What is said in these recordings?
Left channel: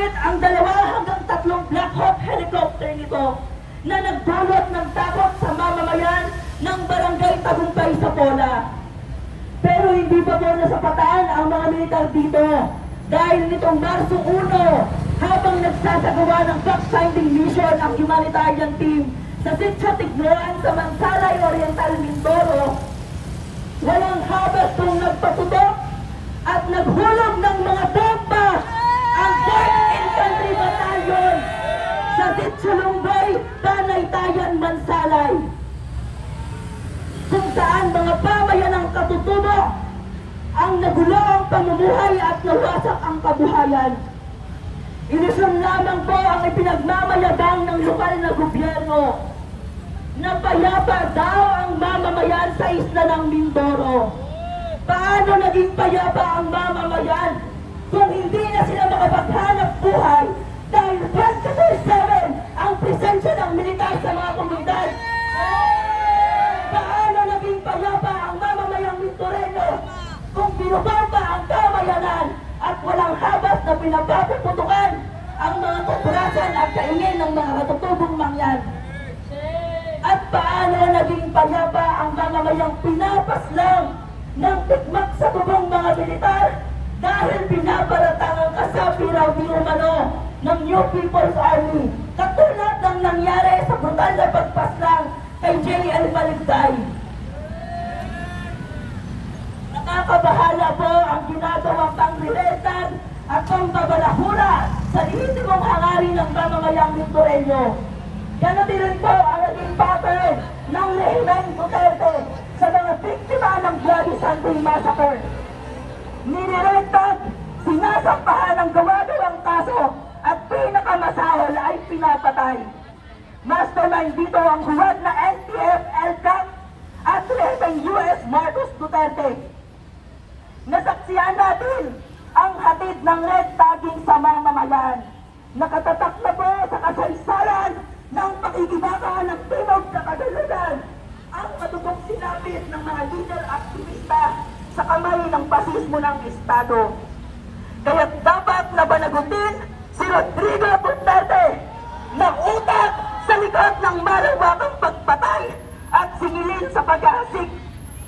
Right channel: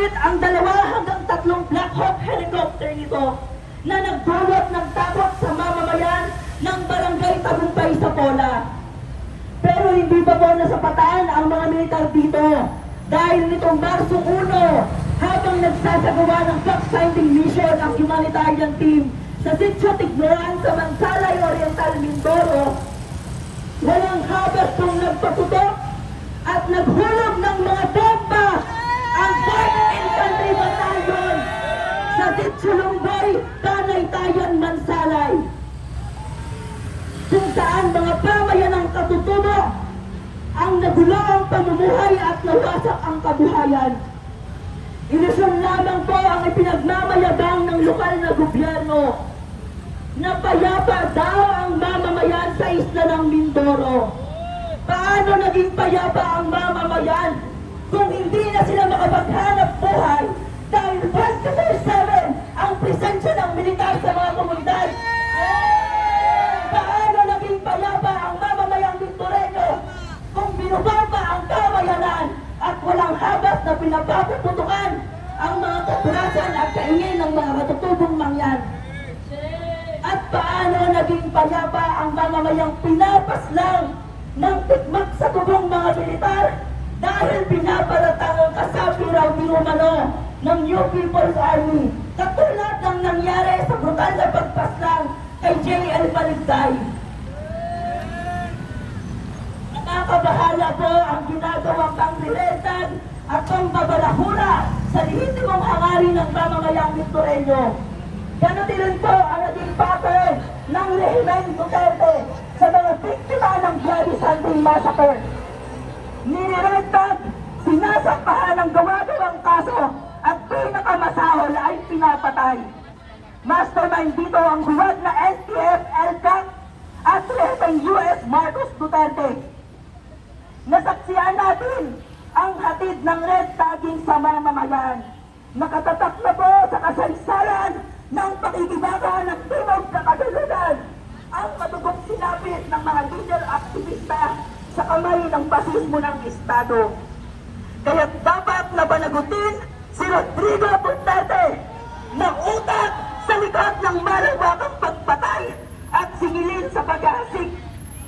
Ngunit ang 2 hanggang 3 Black Hawk helicopter nito na nagdulot ng takot sa mamamayan ng barangay Tagumpay sa Pola. Pero hindi pa po nasapataan ang mga militar dito dahil nitong Marso 1, habang nagsasagawa ng fact-finding mission ang humanitarian team sa Sitio Tignan sa Mansalay Oriental, Mindoro, walang habas kung nagpaputok at naghulog ng mga bomba ang 4th Infantry Battalion sa Sitio Lumboy, Panaytayan, Mansalay, kung saan mga pamayanang katutubo ang nagulo ang pamumuhay at nawasak ang kabuhayan. Ilusyon lamang po ang ipinagmamayabang ng lokal na gobyerno na payapa daw ang mamamayan sa isla ng Mindoro. Paano naging payapa ang mamamayan kung hindi na sila makapaghanap buhay dahil 24/7 ang presensya ng militar sa mga komunidad? Paano naging payapa ang mamamayang Mindoreño kung binugaw pa ang kamayanan at walang habas na pinapaputukan ang mga kapurasan at kaingin ng mga katutubong mangyan? At paano naging payapa ang mamamayang pinapaslang ng tikmak sa tubong mga militar dahil pinaparatang ang kasapi raw di umano ng New People's Army, katulad ng nangyari sa brutal na pagpaslang kay J.L. Maligday? Nakakabahala po ang ginagawang pangriletag at pangbabalahura sa lehitimong hangarin ng mamamayang Mindoreño. Ganun din po ang naging pattern ng Rehimen Duterte sa mga biktima ng Bloody Sunday Massacre. Niriretag, sinasampahan ng gawa-gawang kaso at pinakamasahol ay pinapatay. Mastermind dito ang huwad na NTF, LTAC at Retang US Marcos Duterte. Nasaksihan natin ang hatid ng red tagging sa mamamayan. Nakatatak na po sa kasaysayan ng pakikibago ng Timog sa Kagalugan ang matutong sinapit ng mga legal aktivista sa kamay ng basismo ng Estado. Kaya dapat na panagutin si Rodrigo Duterte na utak sa likod ng malawakang pagpatay at singilin sa paghahasik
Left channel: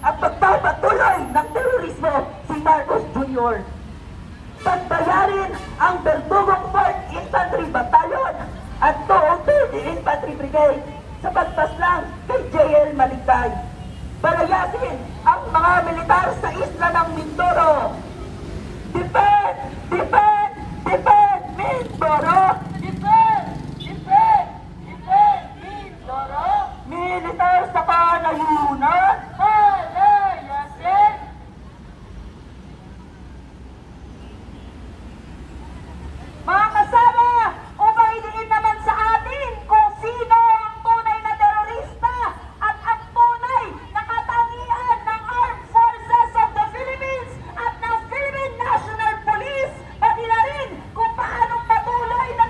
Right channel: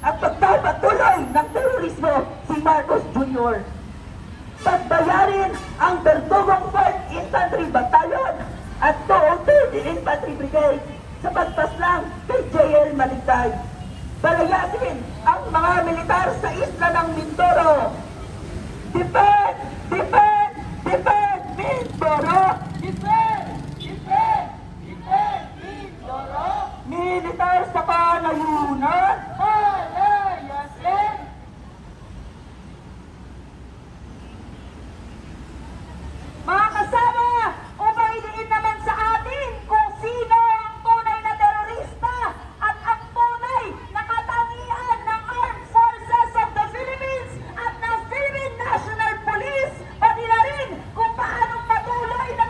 at pagpapatuloy ng terorismo si Marcos Jr. Pagbayarin ang Berdugong 4th Infantry Battalion at 203 Infantry Brigade sa pagpaslang kay J.L. Maligday. Palayasin ang mga militar sa isla ng Mindoro. Defend! Defend! Defend! Mindoro! Defend! Defend! Defend! Mindoro! Militar sa panayunan! Palayasin! Mga kasama, umailiin naman sa atin kung sino ang tunay na terorista at ang tunay na katangian ng Armed Forces of the Philippines at ng Philippine National Police, pati na rin kung paano patuloy na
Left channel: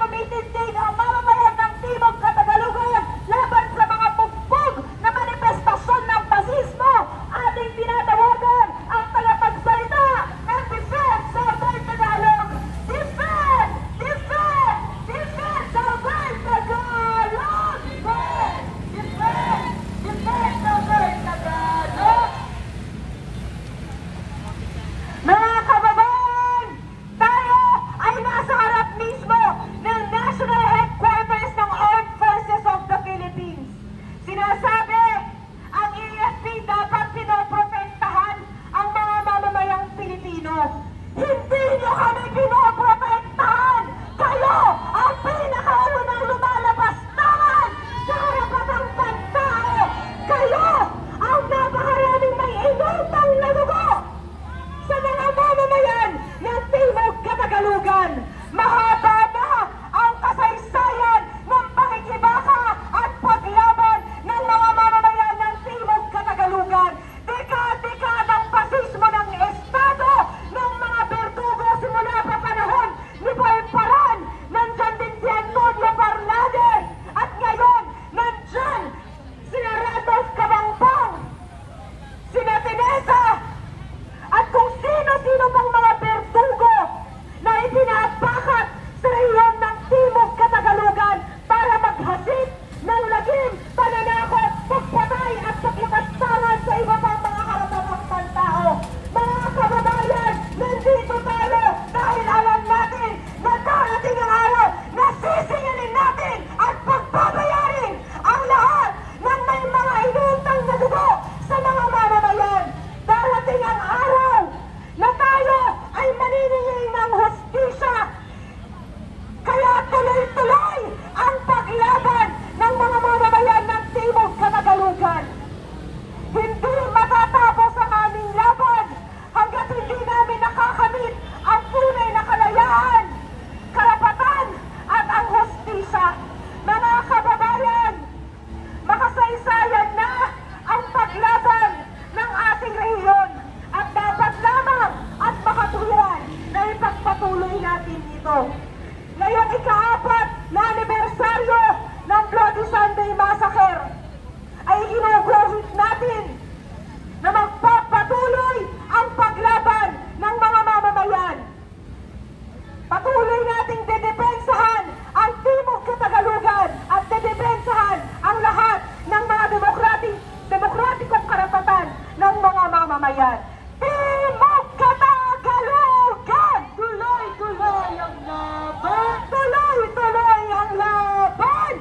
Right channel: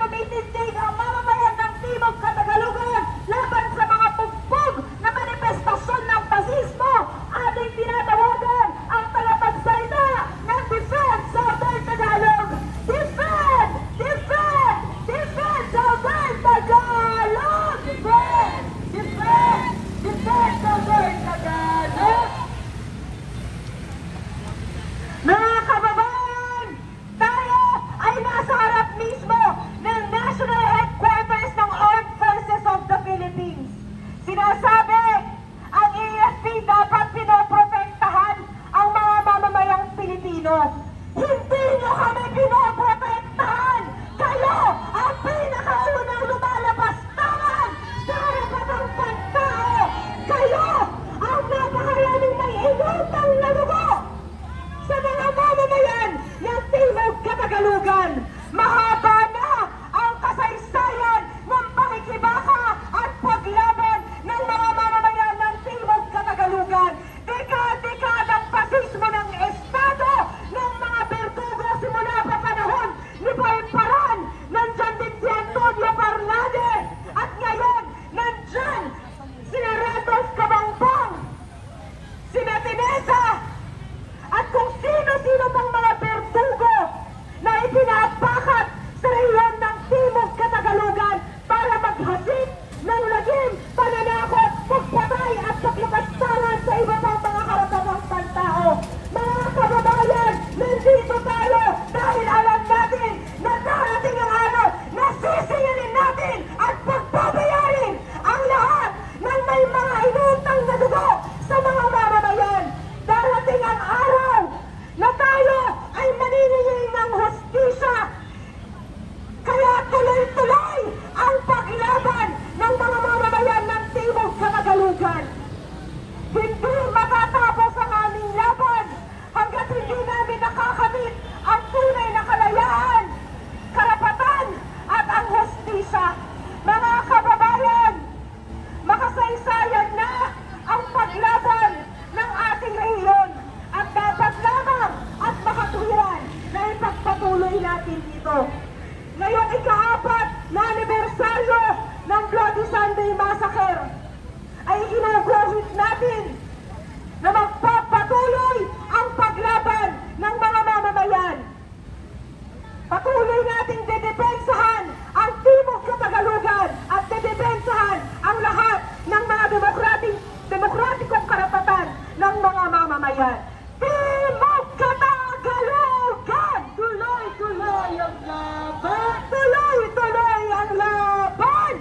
bayan. Timog Katagalugan! Tuloy-tuloy ang laban! Tuloy-tuloy ang laban!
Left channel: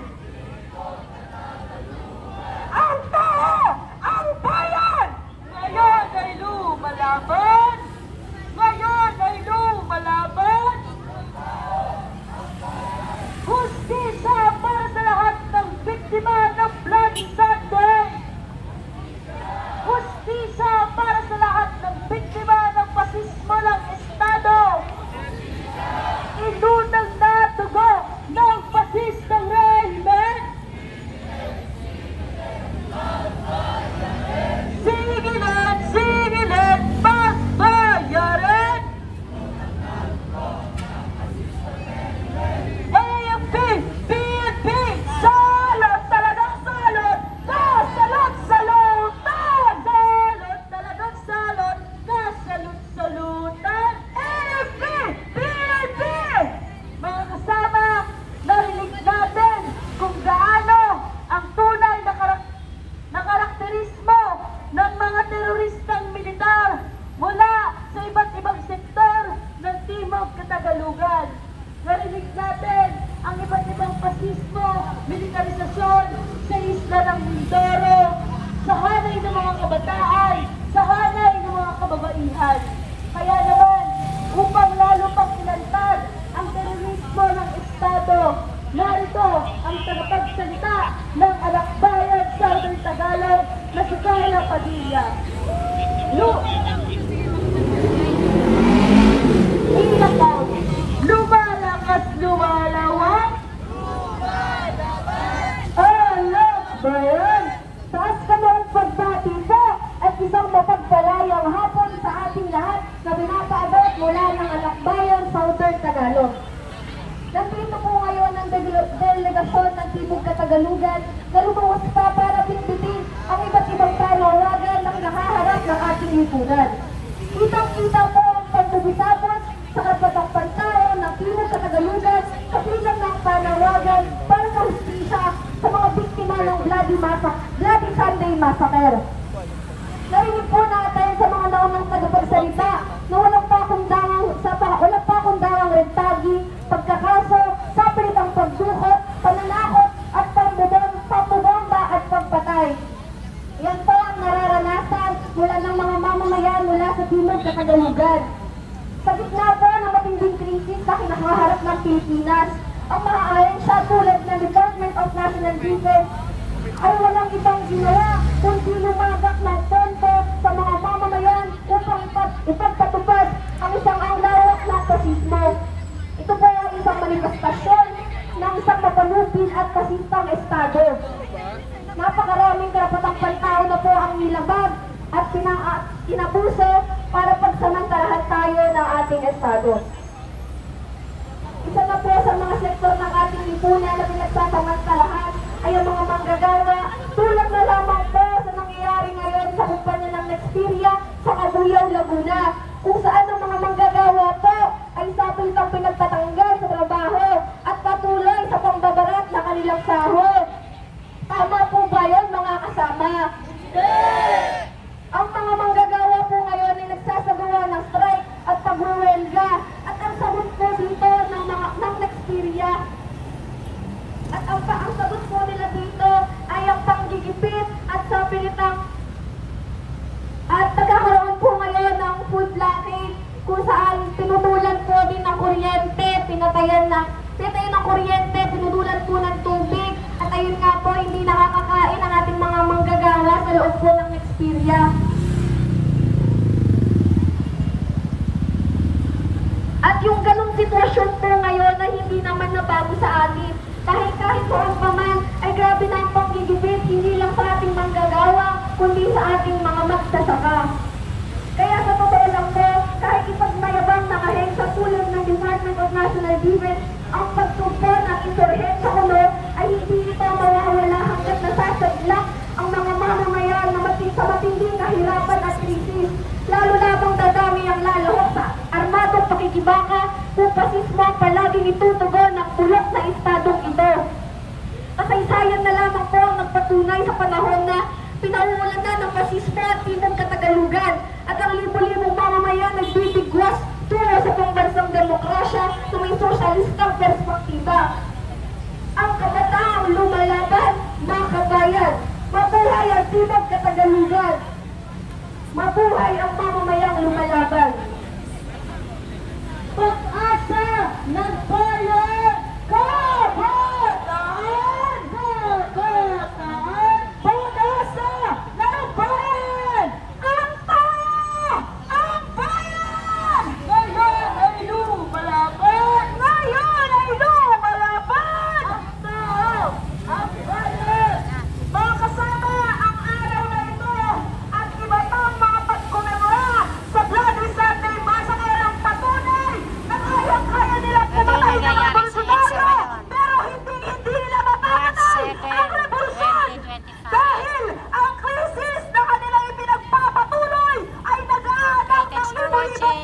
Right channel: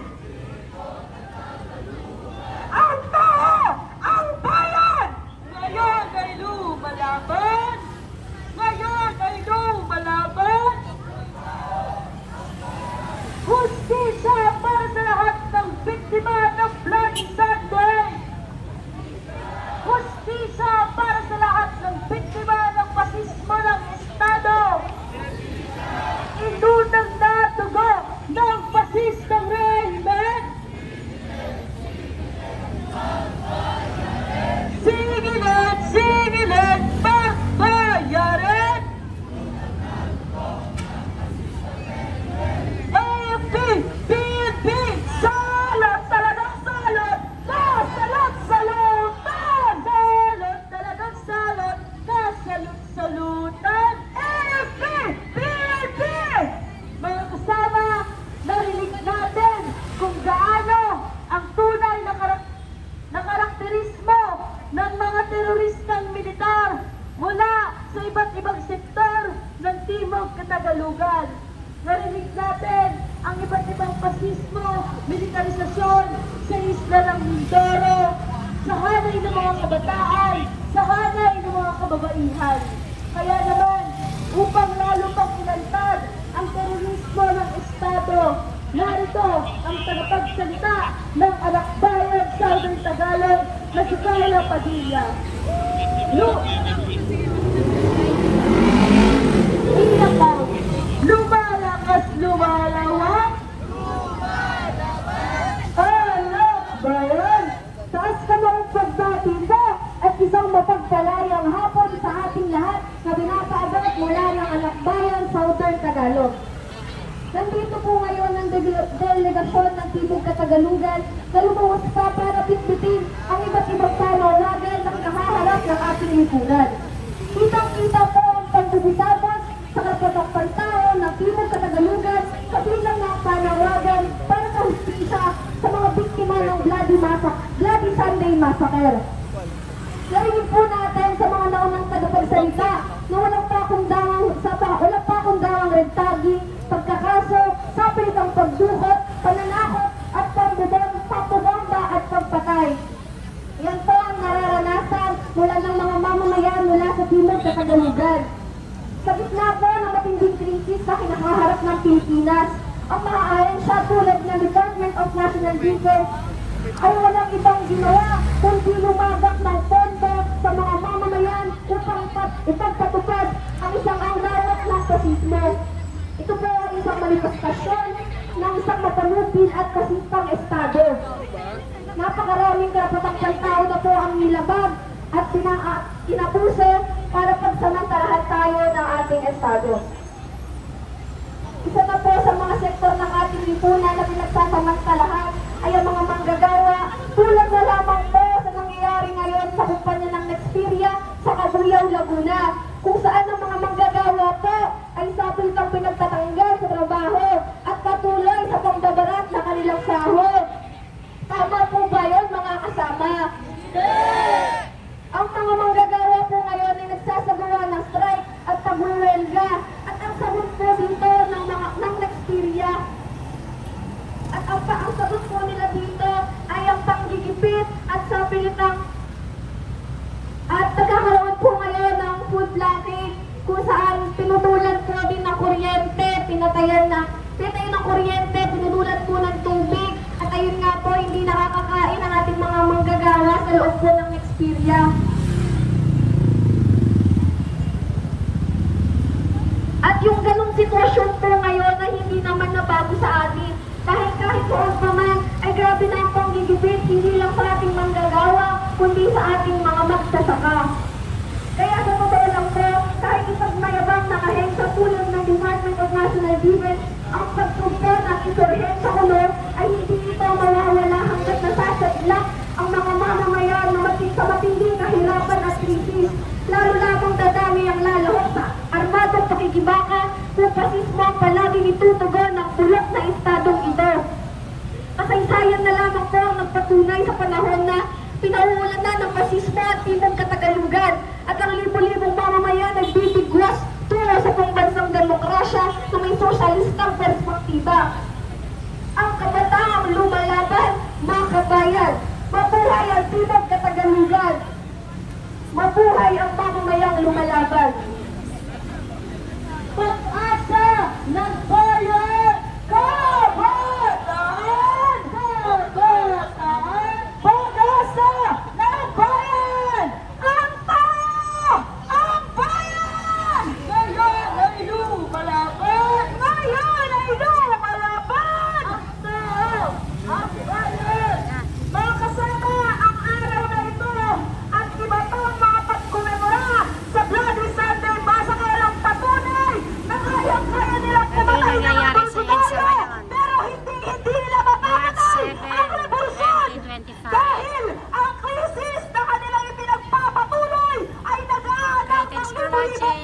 Ang tao! Ang bayan! Ngayon ay lumalaban! Ngayon ay lumalaban! Hustisya para sa lahat ng biktima ng Bloody Sunday! Hustisya para sa lahat ng biktima ng pasismo ng Estado! Itutang natugo ng pasistong régimen! Singilin, pagbayarin! AFP, PNP, salot talagang salot! Kasalot-salutan! Salot talagang salot! Kasalot-salutan! AFP, PNP! Mga kasama, narinig natin kung gaano ang tunay na karakterismo ng mga teroristang militar mula sa iba't ibang sektor ng Timog Katagalugan. Narinig natin ang iba't ibang pasismo, militarisasyon sa isla ng Mindoro, sa hanay ng mga kabataan, sa hanay ng mga kababaihan. Kaya naman, upang lalo pang ilantad ang terorismo ng Estado, narito ang tagapagsalita ng anak bayan Southern Tagalog na si Carla Padilla. Inataw, lumalakas lumalawak. Anak bayan, taas kami ang pagbati po at isang mapagpalayang hapon sa ating lahat na pinapaabot mula ng anak bayan Southern Tagalog. Nandito po ngayon ang delegasyon ng Timog Katagalugan na lumuwas pa para bitbitin ang iba't ibang panawagan na kinakaharap ng ating lipunan. Kitang-kita po ang pagbubutabos sa karapatang pantao ng Timog Katagalugan kabilang ng panawagan para sa hustisya sa mga biktima ng Bloody Sunday Massacre. Narinig po natin sa mga naunang tagapagsalita na walang pa akong dawang rentagi, pagkakaso, sapilitang pagdukot, pananakot at pambubomba at pagpatay. Yan po ang nararanasan mula ng mga mamamayan mula sa Timog Katagalugan. Sa gitna po ng matinding krisis na kinakaharap ng Pilipinas, ang mga ahensya tulad ng Department of National Defense ay walang ibang ginawa kundi lumagak ng pondo sa mga mamamayan upang ipagpatupad ang isang lawak ng pasismo. Ito po ang isang manifestasyon ng isang mapanupil at kasistang Estado. Napakaraming karapatang pantao na po ang nilaban at kinapuso para pagsamantalahan tayo ng ating Estado. Isa na po sa mga sektor ng ating lipunan na pinagsasamantalahan ay ang mga manggagawa, tulad na lamang po sa nangyayari ngayon sa kumpanya ng Nexperia sa Cabuyao, Laguna, kung saan ang mga manggagawa po ay sapilitang pinagtatanggal sa trabaho at patuloy sa pambabarat na kanilang sahod. Tama po ba yun, mga kasama? Yes! Ang mga manggagawa po ngayon ay nagsasagawa ng strike at pagwawelga at ang sagot po dito ng Nexperia. At ang sagot po nila dito ay ang panggigipit at sapilitang at nagkakaroon po ngayon ng food planning kung saan tinutulan po din ng kuryente, pinatayan ng kuryente, tinutulan po ng tubig at ayun nga po hindi nakakakain ang ating mga manggagawa sa loob po ng Nexperia. At yung ganung sitwasyon po ngayon na hindi naman nabago sa atin. Kahit noon pa man ay grabe na yung panggigipit, hindi lang sa ating manggagawa, kundi sa ating mga magsasaka. Kaya sa totoo lang po, kahit ipagmayabang ng ahensya tulad ng Department of National Defense, ang pagtugtog ng insurhensya ulo ay hindi ito mawawala hanggat nasasadlak ang mga mamamayan na sa matinding kahirapan at krisis. Lalo lamang dadami ang lalahok sa armadong pakikibaka kung pasismo palaging itutugon ng bulok na estadong ito. Kasaysayan na lamang po ang nagpatunay sa panahon na pinauulan na ng pasismo at Timog Katagalugan sosyalistang perspektiba. Ang kabataang lumalaban, mga kabayan, mabuhay ang Timog Katagalugan. Mabuhay ang mamamayang lumalaban. Pag-asa ng bayan, kabataan! Kabataan! Pag-asa ng bayan! Ang tao! Ang bayan! Ngayon ay lumalaban! Ngayon ay lumalaban! Ang tao! Ang bayan! Mga kasama, ang araw na ito at iba pang mga pagkumemora sa Bloody Sunday Massacre ang patunay na kaya nilang kumatay ng mga Bolsonaro, pero hindi nila mapapatay ang revolusyon dahil ang krisis na kanilang ipinagpapatuloy ay nag-aanak ng libo-libong